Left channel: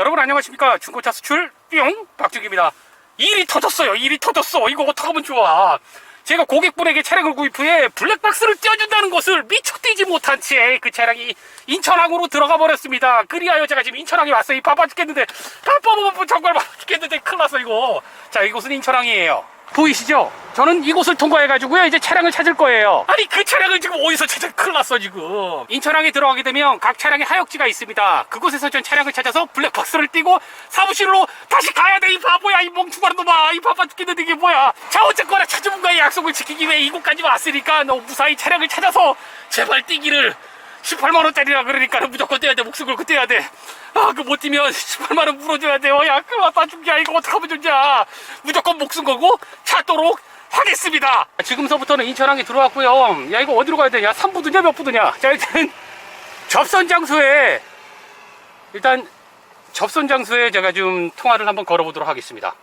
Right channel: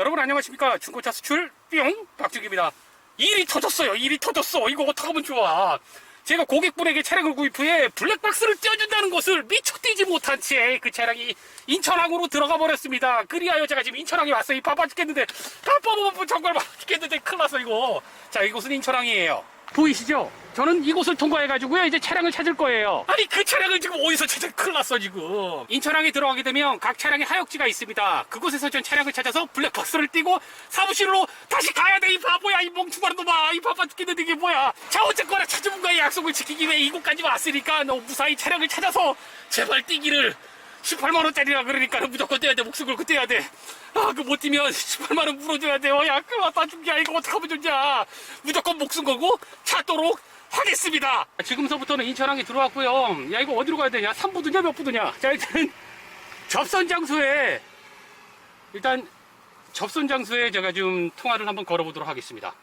여러분 안녕하십니까? 중고차 수출 뿅! 박준기입니다. 일이 터졌어요 일이 터졌어. 이거 어떡하면 좋아. 제가 고객분에게 차량을 구입 후에 블랙박스를 떼어준다는 것을 미처 뛰지 못한 채 그 차량이 인천항으로 들어가 버렸습니다. 그리하여 제가 지금 인천항에 왔어요. 이 바빠 죽겠는데. 바빠 정말 바빠 죽겠는데 큰일 났어 이거. 자 이곳은 인천항이에요 보이시죠? 저는 이곳을 통과해가지고요 이제 차량을 찾을 거예요. 아니 그 차량을 지금 어디서 찾아 큰일 났어 지금. 인천항에 들어가게 되면 각 차량의 하역지가 있습니다. 그곳에서 전 차량을 찾아서 블랙박스를 띄고 사무실로 다시 가야 돼. 이 바보야 이 멍충한 놈아. 이 바빠 죽겠는데 이게 뭐야. 자 어쨌거나 찾아본가의 약속을 지키기 위해 이곳까지 왔으니까 너 무사히 차량을 찾아서 제발 뛰기를 18만원짜리라 그러니까 무조건 떼야 돼. 목숨 걸고 떼야 돼 아 그 못 뛰면 18만원 물어줘야 돼요. 야 큰일 났다 죽자 이거 어떡하면 좋냐. 무조건 목숨 걸고 찾도록 하겠습니다. 지금서부터는 인천항에 들어왔고요. 야 이거 어디로 가야 되냐? 3부드냐 몇 부드냐? 자 일단 접선 장소에 일단 접선 장소에 제가 좀 통화를 한번 걸어보도록 하겠습니다.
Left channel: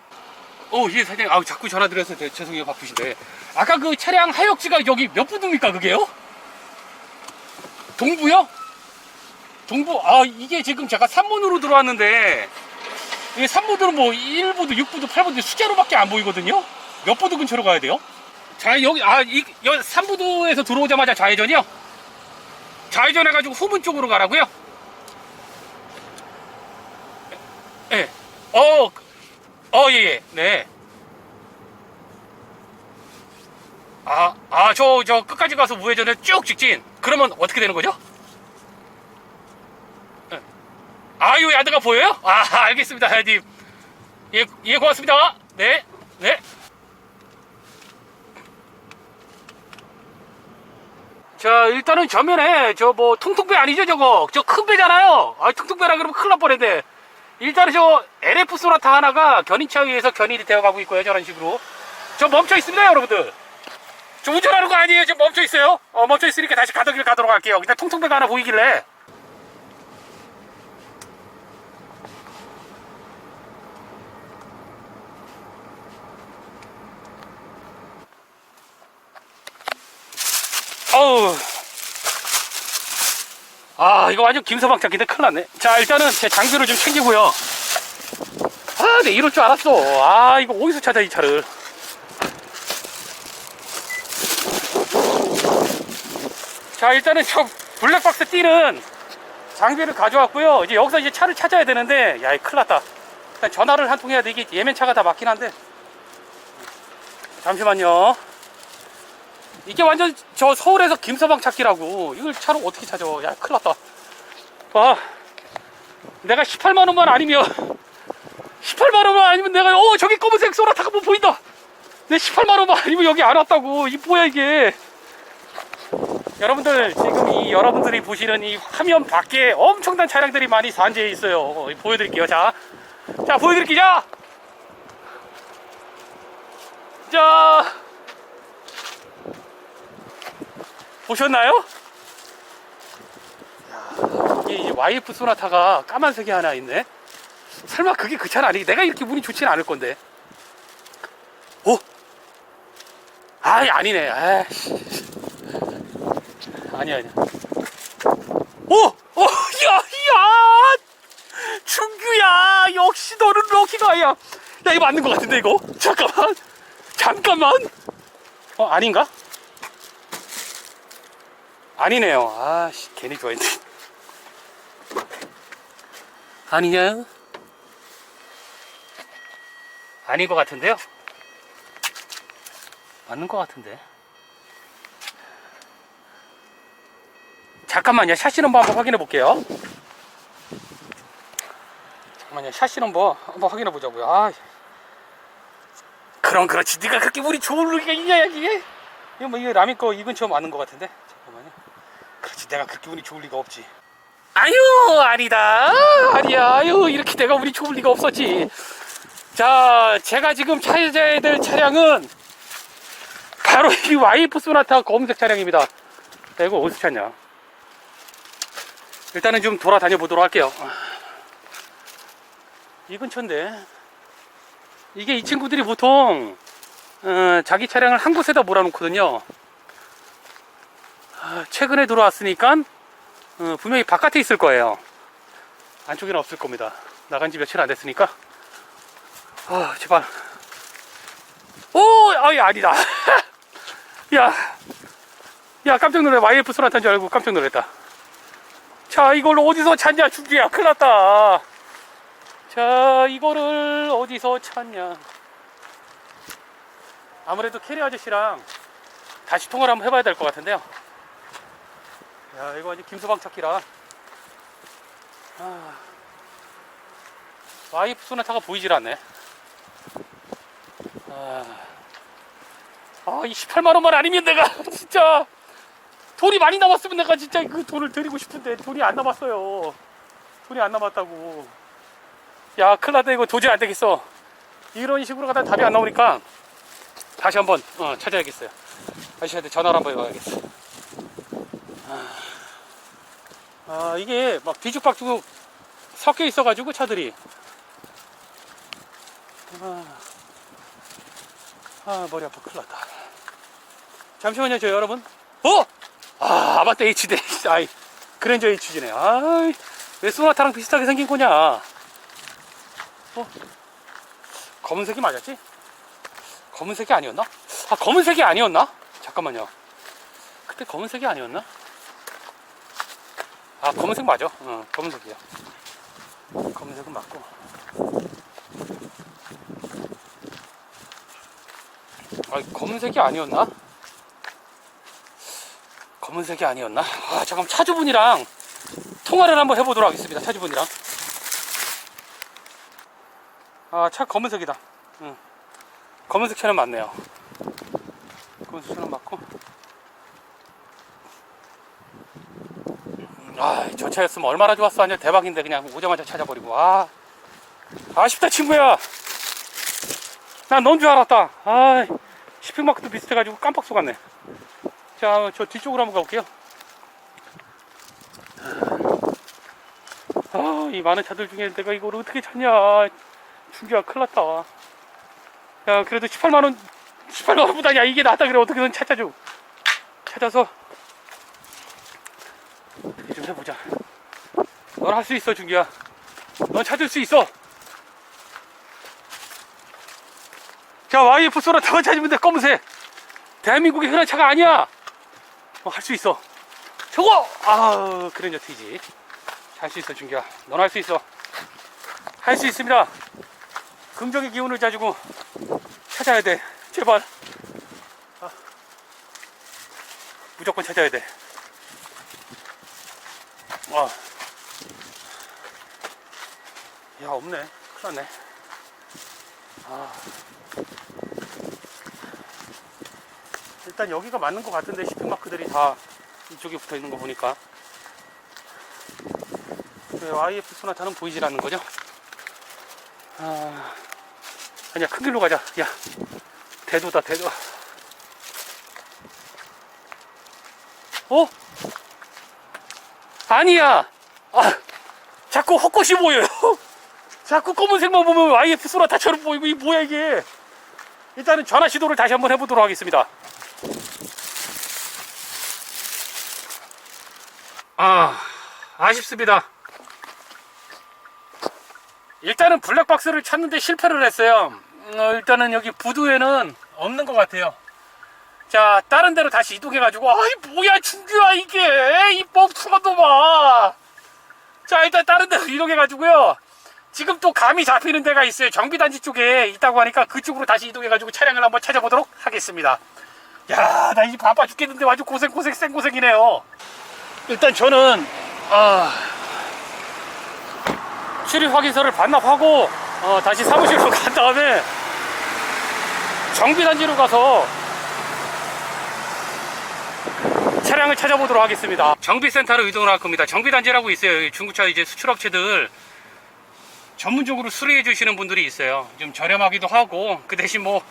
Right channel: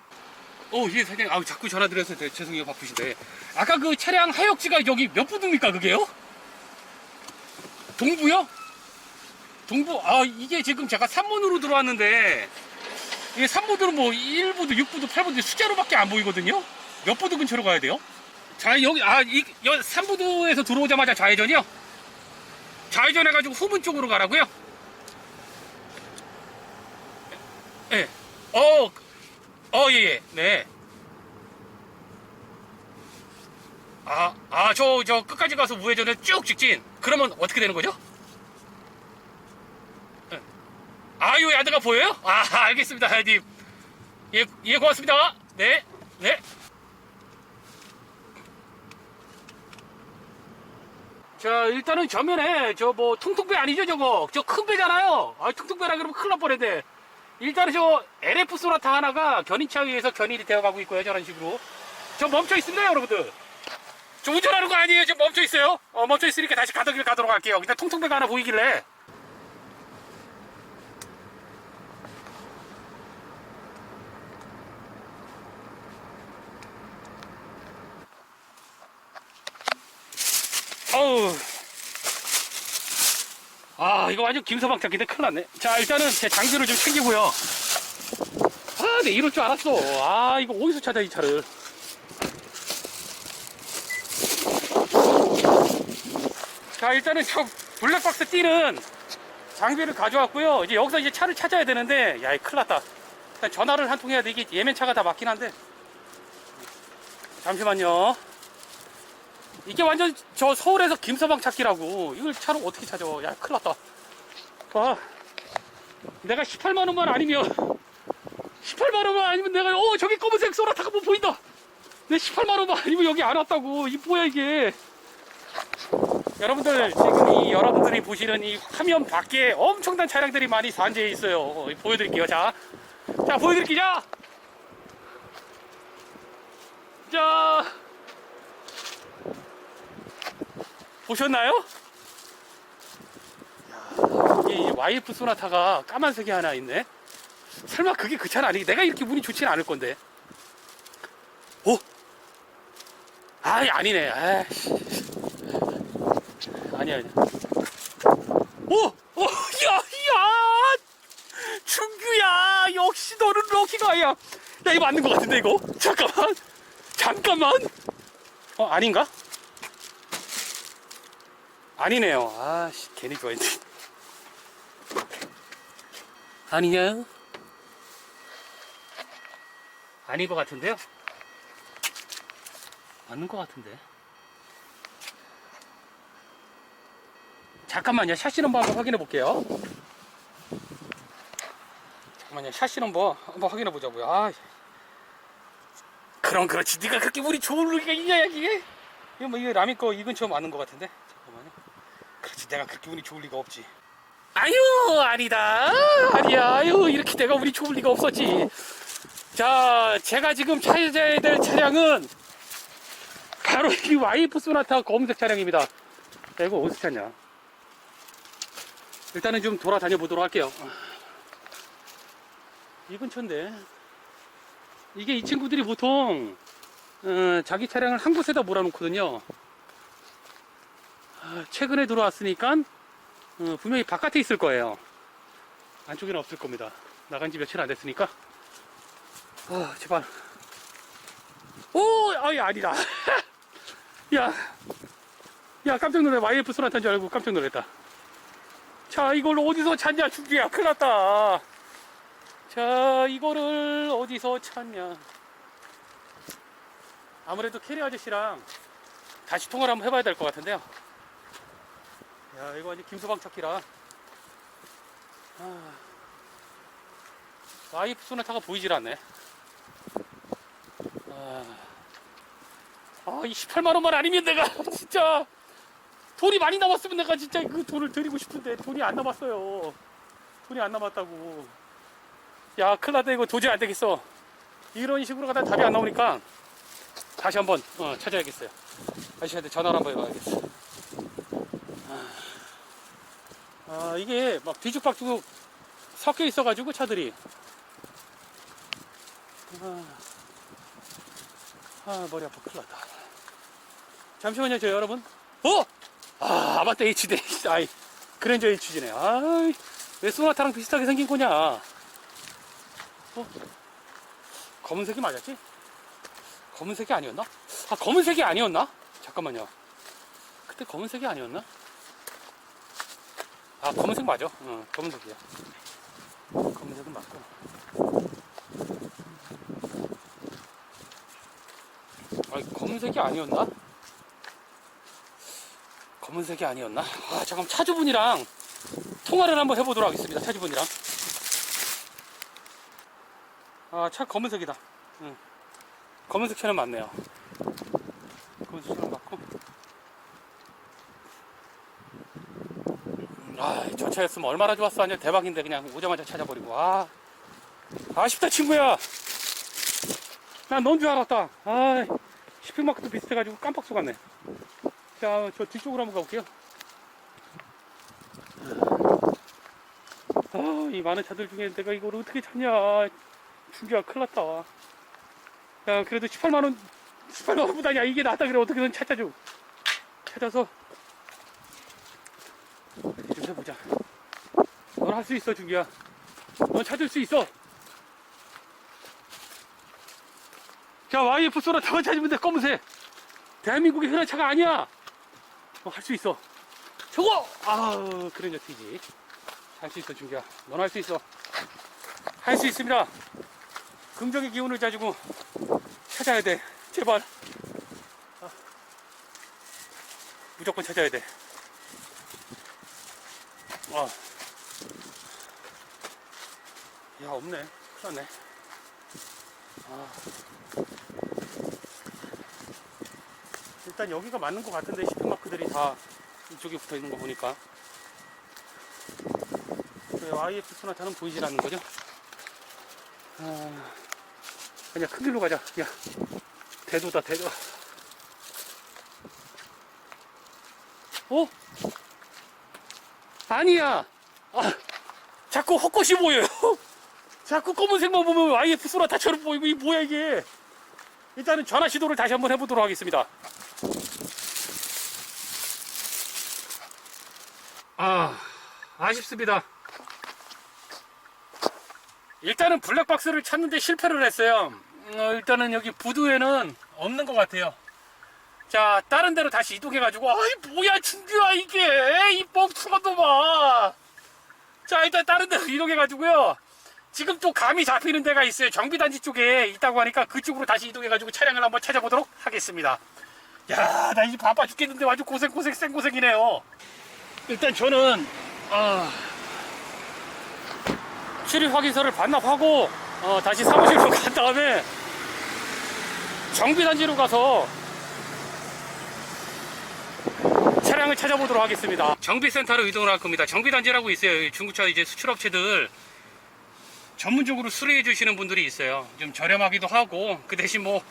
오, 예, 사장님. 아우, 자꾸 전화 드려서 대- 죄송해요, 바쁘신데. 아까 그 차량 하역지가 여기 몇 부두입니까, 그게요? 동부요? 동부, 아, 이게 지금 제가 3문으로 들어왔는데, 이게 3부들은 뭐 1부도, 6부도, 8부도 숫자로밖에 안 보이거든요? 몇 부도 근처로 가야 돼요? 자, 여기, 아, 이, 여, 3부도에서 들어오자마자 좌회전이요? 좌회전 해가지고 후문 쪽으로 가라고요? 예. 어, 어, 예, 예. 네. 아, 아, 저, 저, 끝까지 가서 우회전을 쭉 직진. 그러면 어떻게 되는 거죠? 예. 아, 요 야드가 보여요? 아, 알겠습니다, 하야님. 예, 예, 고맙습니다. 네, 네. 자, 일단은 전면에 저 뭐 통통배 아니죠, 저거? 저 큰 배잖아요. 아, 통통배라 그러면 큰일 날 뻔했네. 일단은 저 LF 소나타 하나가 견인차 위에서 견인이 되어가고 있고요, 저런 식으로. 저 멈춰 있습니다, 여러분들. 저 운전하는 거 아니에요, 지금 멈춰 있어요. 어, 멈춰 있으니까 다시 가던 길 가도록 할게요. 그냥 통통배가 하나 보이길래. 어우. 아, 이거 완전 김서방 찾기인데 큰일 났네. 자, 일단은 제 장비를 좀 챙기고요. 아, 내 이럴 줄 알았어. 아, 이거 어디서 찾아, 이 차를. 자, 일단은 저 블랙박스 띠는 장비를 가져왔고요. 이제 여기서 이제 차를 찾아야 되는데, 야, 이 큰일 났다. 일단 전화를 한 통 해야 돼. 이게 예면차가 다 맞긴 한데. 잠시만요. 이게 완전 저 서울에서 김서방 찾기라고. 이걸 차로 어떻게 찾아. 야, 큰일 났다. 아, 내가 18만원만 아니면, 18만원만 아니면 내가, 어, 저기 검은색 소나타가 뭐 보인다. 내 18만원만 아니면 여기 안 왔다고. 이 뭐야, 이게. 여러분들, 지금 이 여러분들이 보시는 이 화면 밖에 엄청난 차량들이 많이 산재해 있어요. 어, 보여드릴게요. 자. 자, 보여드릴게요. 자. 자. 보셨나요? 이 YF 소나타가 까만색이 하나 있네. 설마 그게 그 차는 아니? 내가 이렇게 운이 좋지는 않을 건데. 오, 아, 아니네. 아이씨. 아니야, 아니야. 오, 오, 야, 야, 준규야, 역시 너는 럭키가야. 야, 이거 맞는 것 같은데 이거? 잠깐만, 잠깐만. 어, 아닌가? 아니네요. 아씨, 괜히 좋아했네. 아니냐? 아닌 것 같은데요? 맞는 것 같은데. 잠깐만요. 샤시 넘버 한번 확인해 볼게요. 잠깐만요. 샤시 넘버 한번 확인해 보자고요. 아, 그럼 그렇지. 네가 그렇게 우리 좋을 리가 있냐, 이게? 이거 뭐, 이거 라미 거이 근처 맞는 것 같은데? 잠깐만요. 그렇지. 내가 그렇게 운이 좋을 리가 없지. 아유, 아니다. 아니야. 아유, 이렇게 내가 운이 좋을 리가 없었지. 자, 제가 지금 찾아야 될 차량은 바로 이 와이프 소나타 검은색 차량입니다. 야, 이거 어디서 찾냐? 일단은 좀 돌아다녀 보도록 할게요. 이 근처인데. 이게 이 친구들이 보통 어, 자기 차량을 한 곳에다 몰아놓거든요. 아, 최근에 들어왔으니까 어, 분명히 바깥에 있을 거예요. 안쪽에는 없을 겁니다. 나간 지 며칠 안 됐으니까. 아, 제발. 오, 아이, 아니다. 야, 야, 깜짝 놀래. YF 소나타인 줄 알고 깜짝 놀랐다. 자, 이걸 어디서 찾냐, 준비야. 큰일 났다. 자, 이거를 어디서 찾냐. 아무래도 캐리 아저씨랑 다시 통화를 한번 해봐야 될 것 같은데요. 야, 이거 아직 김서방 찾기라. 아, 와이프 소나타가 보이질 않네. 아, 아, 이 18만원만 아니면 내가 진짜 돈이 많이 남았으면 내가 진짜 그 돈을 드리고 싶은데 돈이 안 남았어요. 돈이 안 남았다고. 야, 큰일 났다. 이거 도저히 안 되겠어. 이런 식으로 가다 답이 안 나오니까 다시 한번 어, 찾아야겠어요. 아저씨한테 전화를 한번 해봐야겠어. 아, 이게 막 뒤죽박죽 섞여 있어가지고 차들이. 아, 아, 머리 아파. 큰일 났다. 잠시만요, 저 여러분. 어? 아, 아바타 HD. 아이, 그랜저 HG네. 아이, 왜 소나타랑 비슷하게 생긴 거냐. 어? 검은색이 맞았지? 검은색이 아니었나? 아, 검은색이 아니었나? 잠깐만요. 그때 검은색이 아니었나? 아, 검은색 맞아. 어, 검은색이야. 검은색은 맞고. 아, 검은색이 아니었나? 검은색이 아니었나? 아, 잠깐 차주분이랑 통화를 한번 해보도록 하겠습니다. 차주분이랑. 아, 차 검은색이다. 응. 검은색 차는 맞네요. 검은색 차는 맞고. 아, 저 차였으면 얼마나 좋았어. 완전 대박인데 그냥 오자마자 찾아버리고. 아, 아쉽다 친구야. 난 넌 줄 알았다. 아, 시핑마크도 비슷해가지고 깜빡 속았네. 자, 저 뒤쪽으로 한번 가볼게요. 아, 이 많은 차들 중에 내가 이걸 어떻게 찾냐. 준비가 큰일 났다. 야, 그래도 18만원, 18만원보다 야, 이게 낫다 그래. 어떻게든 찾아줘. 찾아서 어떻게 좀 해보자. 넌 할 수 있어, 준기야. 넌 찾을 수 있어. 자, YF 소라 더 찾으면 돼, 검은색. 대한민국의 흔한 차가 아니야. 어, 할 수 있어. 저거! 아, 그랜저 TG. 할수 있어, 준기야. 넌 할 수 있어. 할 수 있습니다. 긍정의 기운을 가지고 찾아야 돼. 제발. 아, 무조건 찾아야 돼. 와. 야, 없네. 큰일 났네. 아. 일단 여기가 맞는 것 같은데 shipping마크들이 다 이쪽에 붙어 있는 거 보니까. 왜 YF 소나타는 보이질 않는 거죠? 아. 아니야, 큰 길로 가자. 야. 대도다, 대도. 어? 아니야. 아, 자꾸 헛것이 보여요. 자꾸 검은색만 보면 YF 소나타처럼 보이고, 이 뭐야, 이게. 일단은 전화 시도를 다시 한번 해보도록 하겠습니다. 아, 아쉽습니다. 일단은 블랙박스를 찾는데 실패를 했어요. 어, 일단은 여기 부두에는 없는 것 같아요. 자, 다른 데로 다시 이동해가지고, 아이, 뭐야, 준규야, 이게! 이 뻥투가 봐! 자, 일단 다른 데로 이동해가지고요. 지금 또 감이 잡히는 데가 있어요. 정비단지 쪽에 있다고 하니까 그쪽으로 다시 이동해가지고 차량을 한번 찾아보도록 하겠습니다. 야, 나이 바빠 죽겠는데 아주 고생, 고생, 생고생이네요. 일단 저는, 아, 출입 확인서를 반납하고, 어, 다시 사무실로 간 다음에, 정비단지로 가서 차량을 찾아보도록 하겠습니다. 정비센터로 이동을 할 겁니다. 정비단지라고 있어요. 이 중고차 이제 수출업체들 전문적으로 수리해 주시는 분들이 있어요. 좀 저렴하기도 하고 그 대신 뭐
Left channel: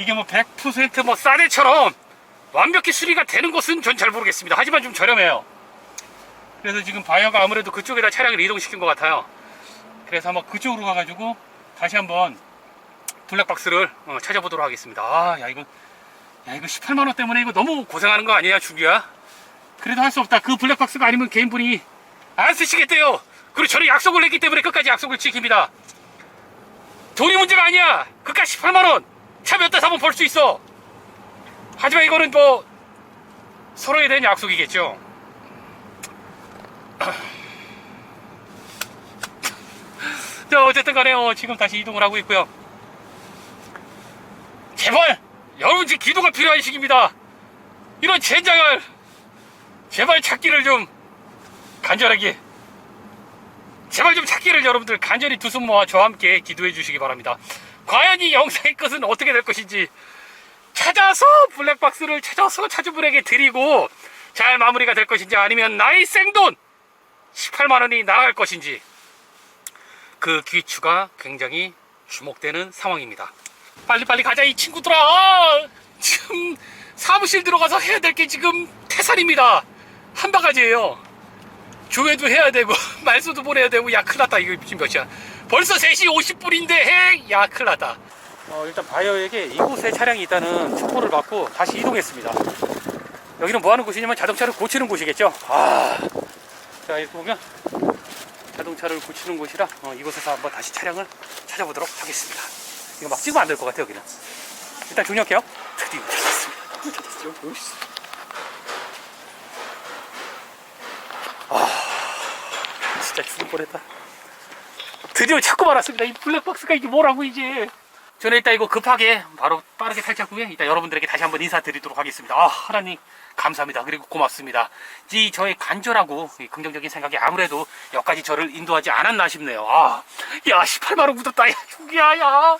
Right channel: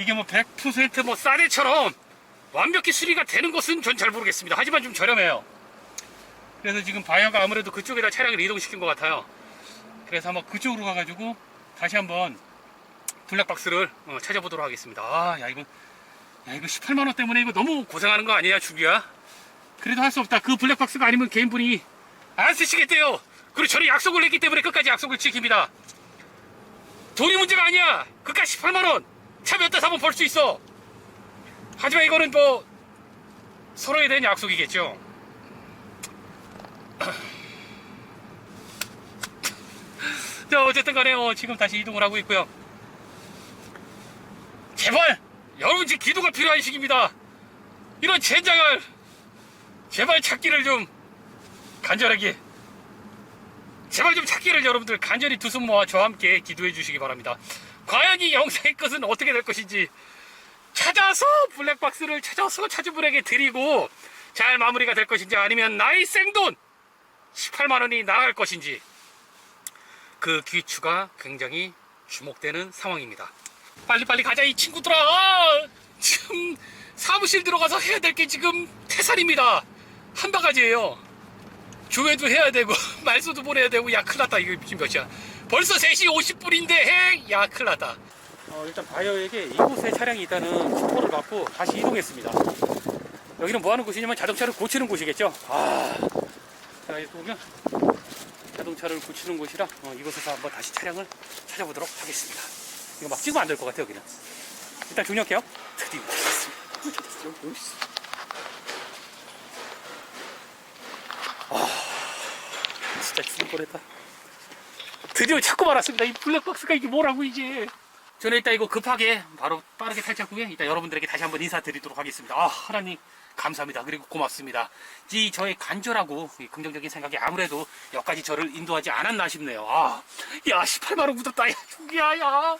이게 뭐 100%뭐 싸대처럼 완벽히 수리가 되는 것은 전 잘 모르겠습니다. 하지만 좀 저렴해요. 그래서 지금 바이어가 아무래도 그쪽에다 차량을 이동시킨 것 같아요. 그래서 한번 그쪽으로 가가지고 다시 한번 블랙박스를 어, 찾아보도록 하겠습니다. 아, 야 이거 야 이거 18만 원 때문에 이거 너무 고생하는 거 아니야, 주기야? 그래도 할 수 없다. 그 블랙박스가 아니면 개인분이 안 쓰시겠대요. 그리고 저는 약속을 냈기 때문에 끝까지 약속을 지킵니다. 돈이 문제가 아니야. 그깟 18만원. 차 몇 대 사면 벌 수 있어. 하지만 이거는 뭐, 서로에 대한 약속이겠죠. 자, 어쨌든 간에, 어, 지금 다시 이동을 하고 있고요. 제발, 여러분 지금 기도가 필요한 시기입니다. 이런 젠장을, 제발 찾기를 좀, 간절하게, 제발 좀 찾기를 여러분들 간절히 두 손 모아 저와 함께 기도해 주시기 바랍니다. 과연 이 영상의 끝은 어떻게 될 것인지 찾아서 블랙박스를 찾아서 찾은 분에게 드리고 잘 마무리가 될 것인지 아니면 나의 생돈 18만 원이 나갈 것인지 그 귀추가 굉장히 주목되는 상황입니다. 빨리빨리 가자 이 친구들아 지금 사무실 들어가서 해야 될 게 지금 태산입니다. 한 바가지예요. 조회도 해야 되고 말소도 보내야 되고 야 큰일 났다 이거 지금 몇 시야 벌써 3시 50분인데 해 야 큰일 났다. 어, 일단 바이어에게 이곳에 차량이 있다는 첩보를 받고 다시 이동했습니다. 여기는 뭐 하는 곳이냐면 자동차를 고치는 곳이겠죠? 아, 자 이렇게 보면 자동차를 고치는 곳이라 어, 이곳에서 한번 다시 차량을 찾아보도록 하겠습니다. 이거 막 찍으면 안 될 것 같아요 여기는. 일단 중력해요. 드디어 찾았습니다. 있어. 진짜 죽을 뻔했다. 드디어 찾고 말았습니다. 이 블랙박스가 이게 뭐라고 이제. 저는 일단 이거 급하게 바로 빠르게 탈착 후에 일단 여러분들에게 다시 한번 인사드리도록 하겠습니다. 아 하나님 감사합니다. 그리고 고맙습니다. 이 저의 간절하고 이 긍정적인 생각이 아무래도 여기까지 저를 인도하지 않았나 싶네요. 아, 야 18만 원 묻었다. 야 죽이야 야.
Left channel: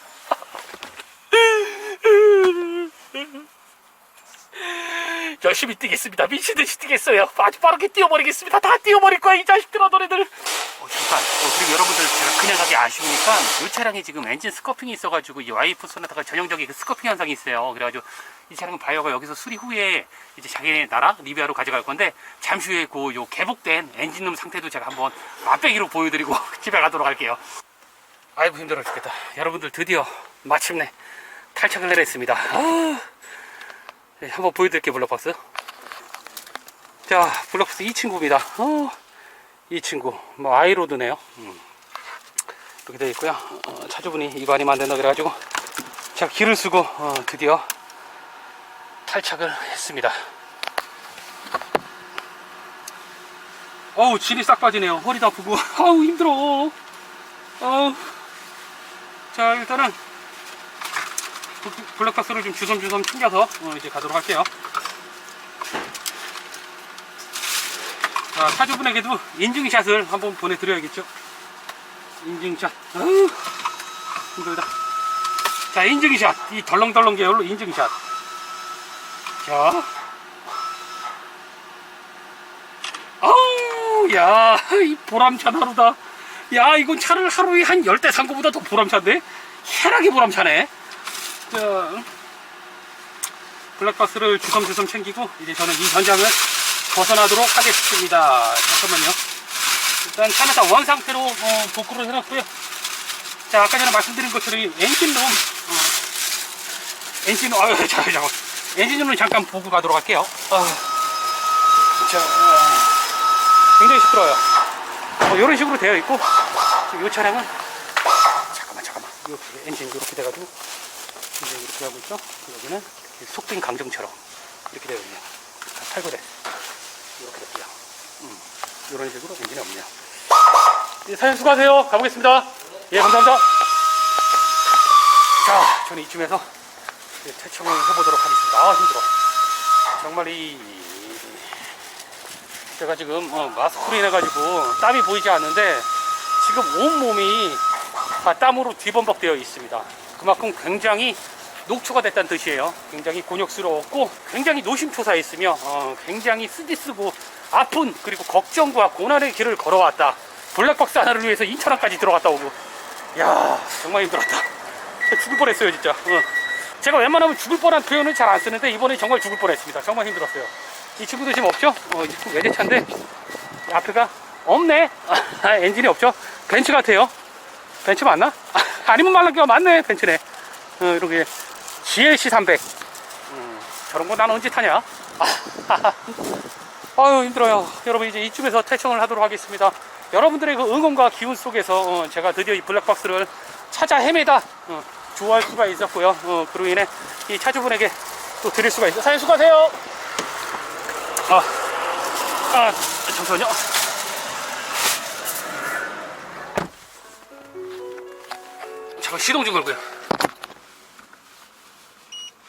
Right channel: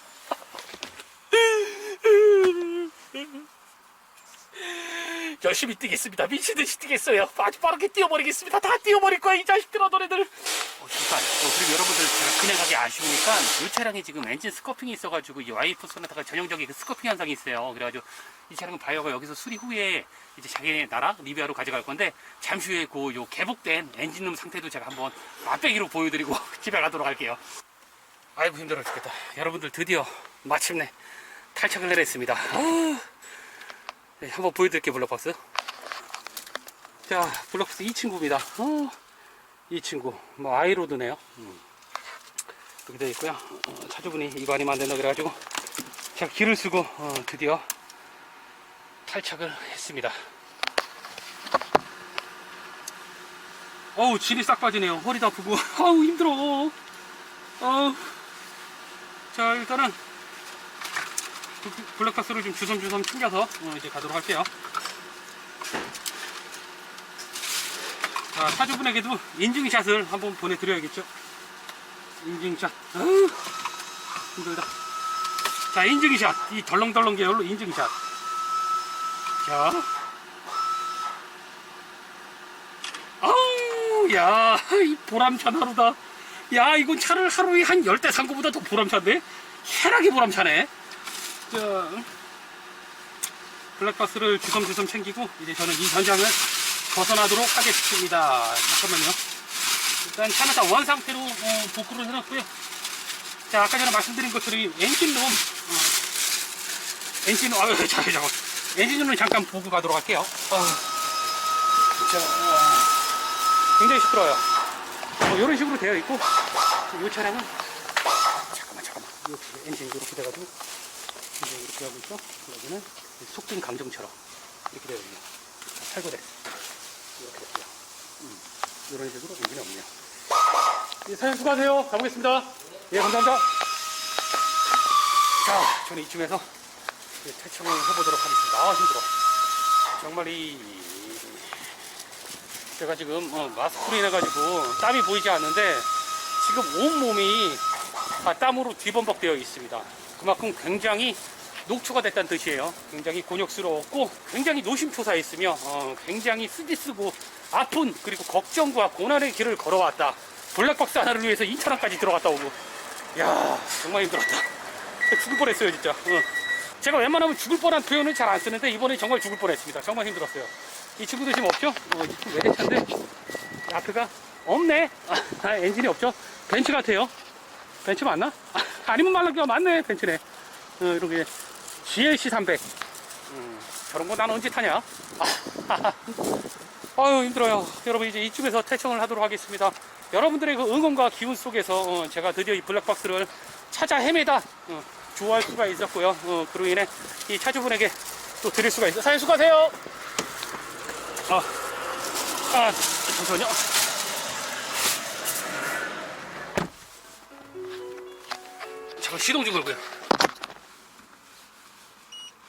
열심히 뛰겠습니다. 미친 듯이 뛰겠어요. 아주 빠르게 뛰어버리겠습니다. 다 뛰어버릴 거야, 이 자식들아, 너네들. 어, 잠깐. 어, 그리고 여러분들 제가 그냥 가기 아쉬우니까 이 차량에 지금 엔진 스커핑이 있어가지고 이 와이프 소나타가 전형적인 그 스커핑 현상이 있어요. 그래가지고 이 차량은 바이어가 여기서 수리 후에 이제 자기네 나라 리비아로 가져갈 건데 잠시 후에 그 요 개복된 엔진룸 상태도 제가 한번 맛배기로 보여드리고 집에 가도록 할게요. 아이고 힘들어 죽겠다. 여러분들 드디어 마침내 탈착을 내렸습니다. 아... 네, 한번 보여드릴게요, 블록박스. 자, 블록박스 이 친구입니다. 어, 이 친구. 뭐, 아이로드네요. 음. 이렇게 되어 있고요. 어, 차주분이 안 된다 그래가지고, 제가 기를 쓰고, 어, 드디어 탈착을 했습니다. 어우, 질이 싹 빠지네요. 허리도 아프고, 아우, 힘들어. 어우. 자, 일단은, 블랙박스를 좀 주섬주섬 챙겨서 어, 이제 가도록 할게요. 자, 차주분에게도 인증샷을 한번 보내드려야겠죠. 인증샷. 아유, 힘들다. 자, 인증샷. 이 덜렁덜렁 계열로 인증샷. 자. 아우, 야, 이 보람찬 하루다. 야, 이건 차를 하루에 한열대산 거보다 더 보람찬데? 해나게 보람차네. 자, 블랙박스를 주섬주섬 챙기고 이제 저는 이 현장을 벗어나도록 하겠습니다. 잠깐만요. 일단 차는 다 원 상태로 어, 복구를 해놨고요. 자, 아까 전에 말씀드린 것처럼 이 엔진룸, 어, 엔진, 아유, 잠깐, 잠깐. 엔진룸을 잠깐 보고 가도록 할게요. 아, 자, 굉장히 시끄러워요. 어, 이런 식으로 되어 있고, 이 차량은, 잠깐만, 잠깐만. 이렇게 엔진 이렇게 돼가지고, 이제 이렇게 하고 있죠. 여기는 속빈 강정처럼 이렇게 되어 있네요. 다 탈거돼. 이렇게 됐고요. 음, 이런 식으로 엔진이 없네요. 예, 사장님 수고하세요. 가보겠습니다. 예, 감사합니다. 자, 저는 이쯤에서 퇴청을 해보도록 하겠습니다. 아, 힘들어. 정말 이, 제가 지금 어, 마스크로 인해가지고 땀이 보이지 않는데 지금 온몸이 다 땀으로 뒤범벅되어 있습니다. 그만큼 굉장히 녹초가 됐다는 뜻이에요. 굉장히 곤욕스러웠고 굉장히 노심초사했으며 어, 굉장히 쓰디쓰고 아픈 그리고 걱정과 고난의 길을 걸어왔다. 블랙박스 하나를 위해서 2천원까지 들어갔다 오고 야 정말 힘들었다. 죽을 뻔했어요 진짜. 어. 제가 웬만하면 죽을 뻔한 표현은 잘 안 쓰는데 이번에 정말 죽을 뻔했습니다. 정말 힘들었어요. 이 친구도 지금 없죠? 어, 이 외제차인데 이 앞에가 없네. 아, 엔진이 없죠? 벤츠 같아요. 벤츠 맞나? 아니면 말랑기가 맞네 벤츠네 어, 이렇게 GLC 300 음, 저런 거난 언제 타냐 아유 힘들어요 여러분 이제 이쯤에서 퇴청을 하도록 하겠습니다 여러분들의 그 응원과 기운 속에서 어, 제가 드디어 이 블랙박스를 찾아 헤매다 어, 좋아할 수가 있었고요. 어, 그로 인해 이 차주분에게 또 드릴 수가 있어요. 사장님 수고하세요. 아, 아, 잠시만요. 잠깐 시동 좀 걸고요.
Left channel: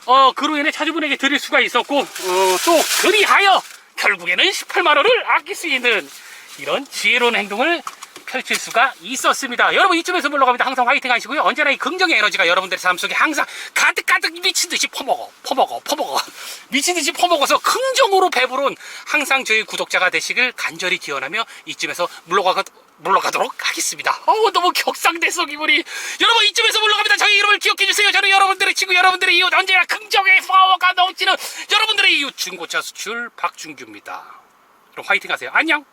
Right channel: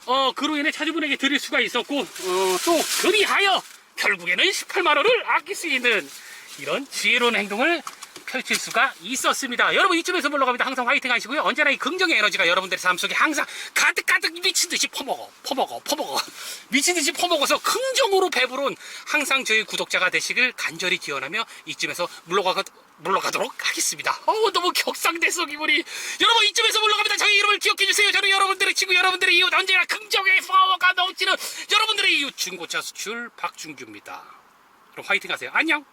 어, 그로 인해 차주분에게 드릴 수가 있었고, 어, 또, 그리하여, 결국에는 18만원을 아낄 수 있는 이런 지혜로운 행동을 펼칠 수가 있었습니다. 여러분, 이쯤에서 물러갑니다. 항상 화이팅 하시고요. 언제나 이 긍정의 에너지가 여러분들의 삶 속에 항상 가득가득 미친듯이 퍼먹어, 퍼먹어, 퍼먹어. 미친듯이 퍼먹어서 긍정으로 배부른 항상 저희 구독자가 되시길 간절히 기원하며 이쯤에서 물러가, 물러가도록 하겠습니다. 어우, 너무 격상됐어, 기분이. 여러분, 이쯤에서 물러갑니다. 저희 이름을 기억해주세요. 저는 여러분들의 친구, 여러분들의 이웃, 언제나 긍정의 파워가 넘치는 여러분들의 이웃, 중고차 수출 박준규입니다. 그럼 화이팅 하세요. 안녕!